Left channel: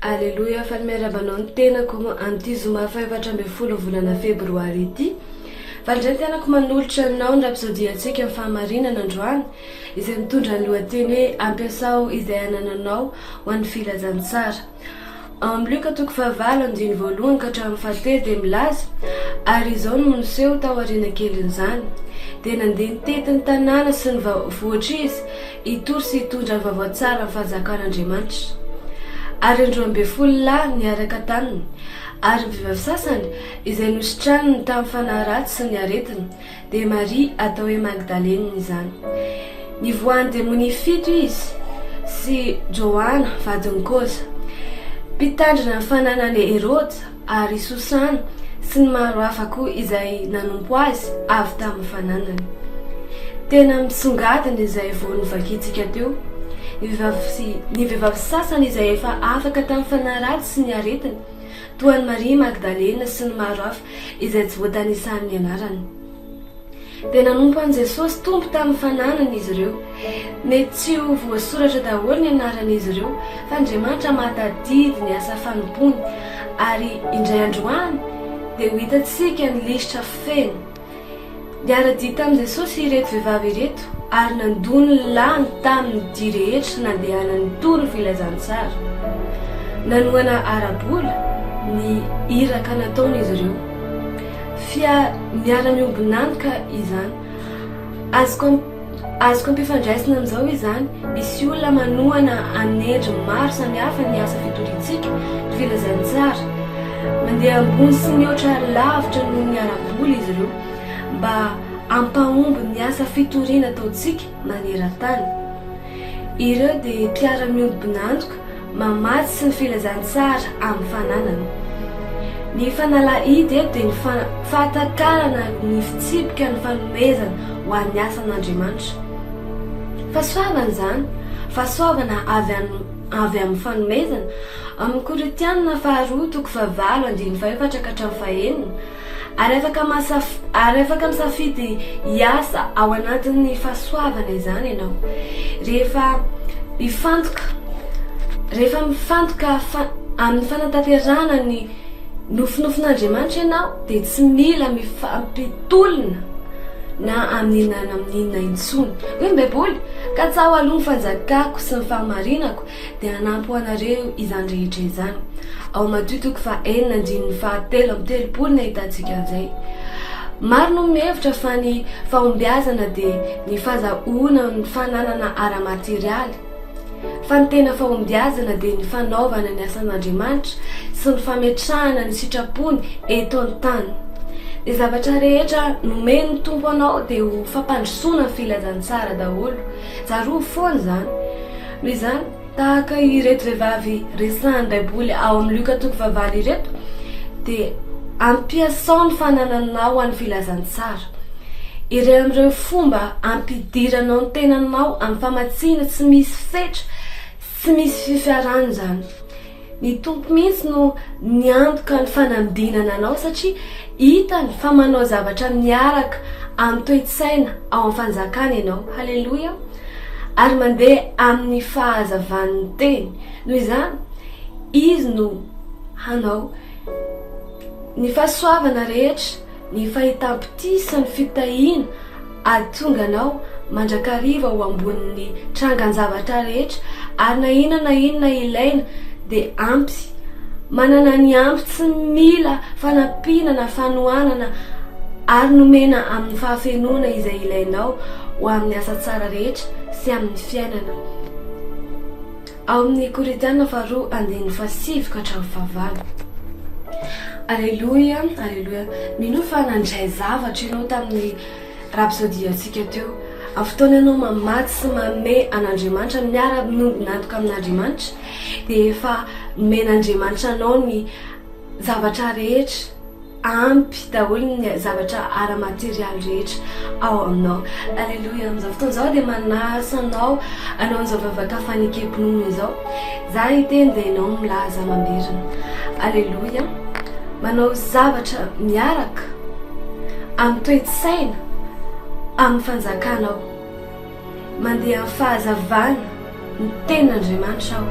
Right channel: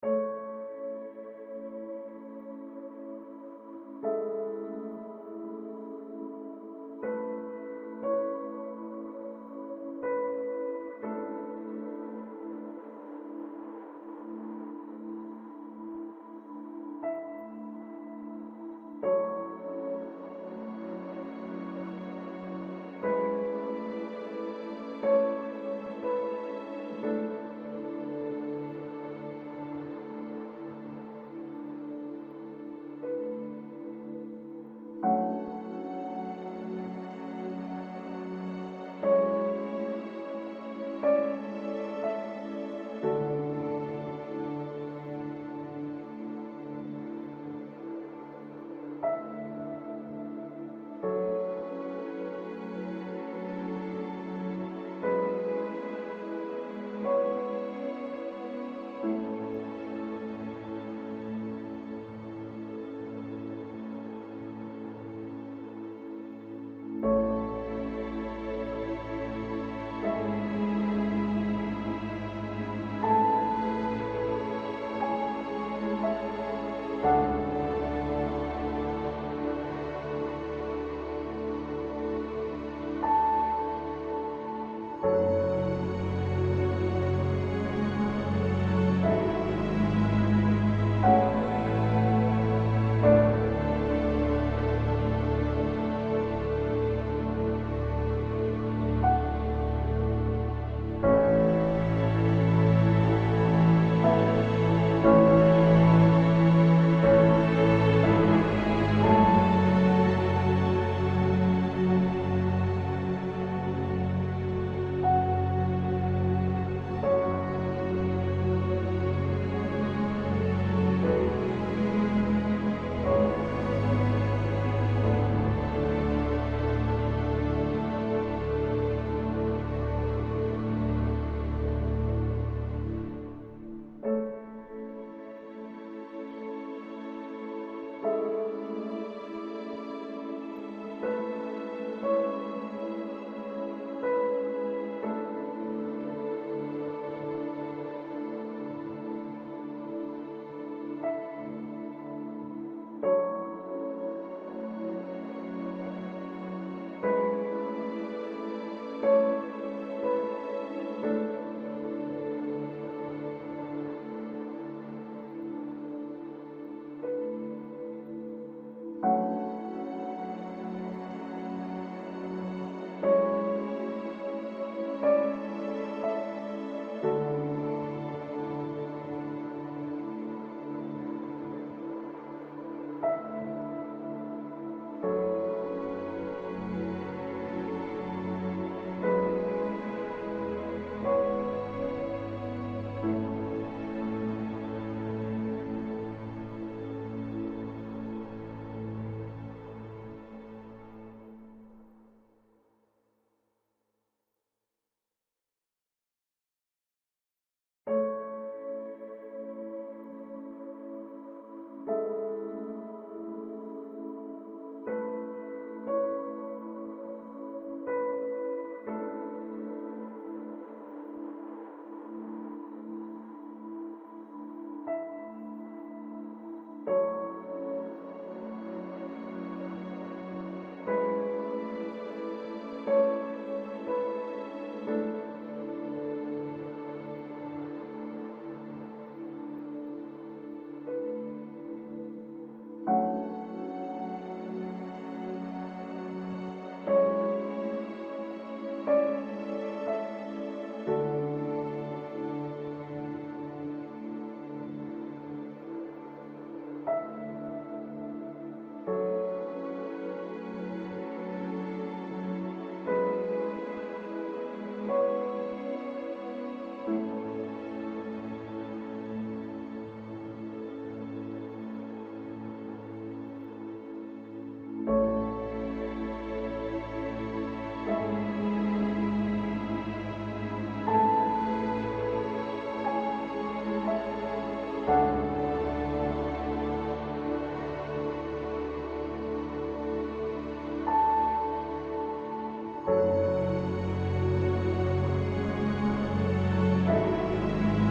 Aleloia, fa miarabanao ny tenako an'ity zoma faefatra ambin'ny folo volana febroary ity. Fa indray tenako manolotra aminao ny rapsodiantsika amin'ny fahamarinana androany izay mitondra ny lohateny hoe Ampiasao Izay Anananao ho an'ny Filazantsara. Amin'ny Luka 9:1 ka hatramin'ny 7 dia milaza, ary izao no niseho tao aoriana kelin'izany, dia nandeha nitety ny tanàna sy ny vohitra izy hitory sy hitondra ny vaovao tsara ny fanjakan'Andriamanitra. Ary 12 lahy niaraka taminy, ary ny vehivavy sasany izay nositraniny tamin'ny fanahy ratsy sy ny aretina, dia Maria atao hoe Magdalena izany. Nivoahan'ny demônia 7 izy, sy Joana vadiny kosa. Mpitandrina ny fananany Herode ary Sosana sy ny maro hafa koa izay nanompo azy avy tamin'ny fananany. Tena misongadina izay vao novakitsika teo. Ny vehivavy sasany izay efa afaka tamin'ny fanahy ratsy sy ny aretina, toa ny Maria Magdalena sy ny maro hafa izay tsy voatanisan'ny anarany. Dia nanompo an'i Jesosy tompo tamin'ny fananany izy ireo. Mety tsy ho voasoratra daholo ny anaran'izy ireo, fa Andriamanitra mahatadidy ny asa fanompony, ary indray androany dia ho hitantsika ny lisitra feno. Niara-dia tamin'i Jesosy ireto vehivavy ireto, ary nandony lany tamin'ny dia rehetra nandehanany toy ny Filazantsara. Nanoana arabola ny iraka nataon'izy ireo. Miara-miombonantoka izany. Azoko ampifandraisina amin'izao izany, misy olona manohana anendry maro samihafa ny asa fitoriantsika ny Filazantsara. Mandeha ambony sy mihoatra lavitra noho ny arabola izy ireo, mba ampahomby ny asa fitoriana ataontsika maneran-tany. Ireo dia mpiara-miombonantoka mamatsy sy ny Filazantsara amin'ny fananana. Ny fanalahidy dia ny fahatakarana ny fitsipika ny fanomezana ho an'ny asan'Andriamanitra. Fahasoavana izany, fahasoavana avy amin'ny fanomezana. Amin'ny Korinthiana 2:4-5 ka hatramin'ny 5, ary afaka misafidy hiasa ao anatin'ny fahasoavana izany ianao. Rehefa mifantoka amin'ny fanatanterahana ny nofinofin'Andriamanitra ianao, dia tsy mila mifampitolona na amin'inona intsony. Hoe Baiboly, ka tsaho aloha ny fanjakako sy ny fahamarinako dia hanampy anareo izany rehetra izany. Ao Mateo 4:4-7 no ahitantsika an'izay. Maro no mihevitra fa ny fahombiazana dia ny fahazahoana ny fananana ara-materialy, fa ny tena fahombiazana dia ny fanaovana ny asan'Andriamanitra sy ny fametrahana ny sitrapony eto an-tany. Ny zavatra rehetra nomeny tompo anao dia ho fampandrosoana ny Filazantsara daholo. Tsaroa foana izany. Noho izany, tahaka ireto vehivavy resahan'ny Baiboly ao amin'ny Luka 9:9 ireto, dia ampiasao ny fanananao ho an'ny Filazantsara. Ireo amin'ireo fomba ampidiranao ny tenanao amin'ny famatsiana tsy misy fetra, tsy misy fifiarana izany. Ny tompo mihitsy no niantoka ny fanambinana anao, satria hitany fa manao zavatra miaraka amin'ny toe-tsaina ao amin'ny fanjakana ianao. Halleloia! Ary mandeha amin'ny fahazavan'ny teny. Noho izany, izy no hanao ny fahasoavana rehetra, ny fahitam-pitisa, ny fitahiana, ahatonga anao mandrakariva ho ambonin'ny trangan-zavatra rehetra, ary na inona ilaina dia ampy. Manana ny ampy, tsy mila fanampinana, fanohanana, ary nomena amin'ny fahafenoana izay ilainao ho amin'ny asa tsara rehetra sy amin'ny fiainana. Ao amin'ny Korinthiana 2:5 ka hatramin'ny 5. Aleluia, aleluia. Mino fa nandray zavatra ianao tamin'ny rapsodiantsika teo. Amin'ny fotoana ianao mamatsy sy manome an'Andriamanitra, miara-miombonantoka amin'Andriamanitra, dia efa nomen'Andriamanitra anao ny zavatra rehetra, ampy daholo ny zavatra ara-materialy rehetra ao aminao. Aleluia. Amin'izao fotoana izao dia manasa anao anao an'izao vavaka fanekepinona izao. Za hiteny dia ianao milaza mamerina. Aleluia. Manao zavatra miaraka amin'ny toe-tsaina, amin'ny fanjakanao, mandeha amin'ny fahazavana ny tenin'Andriamanitra ao.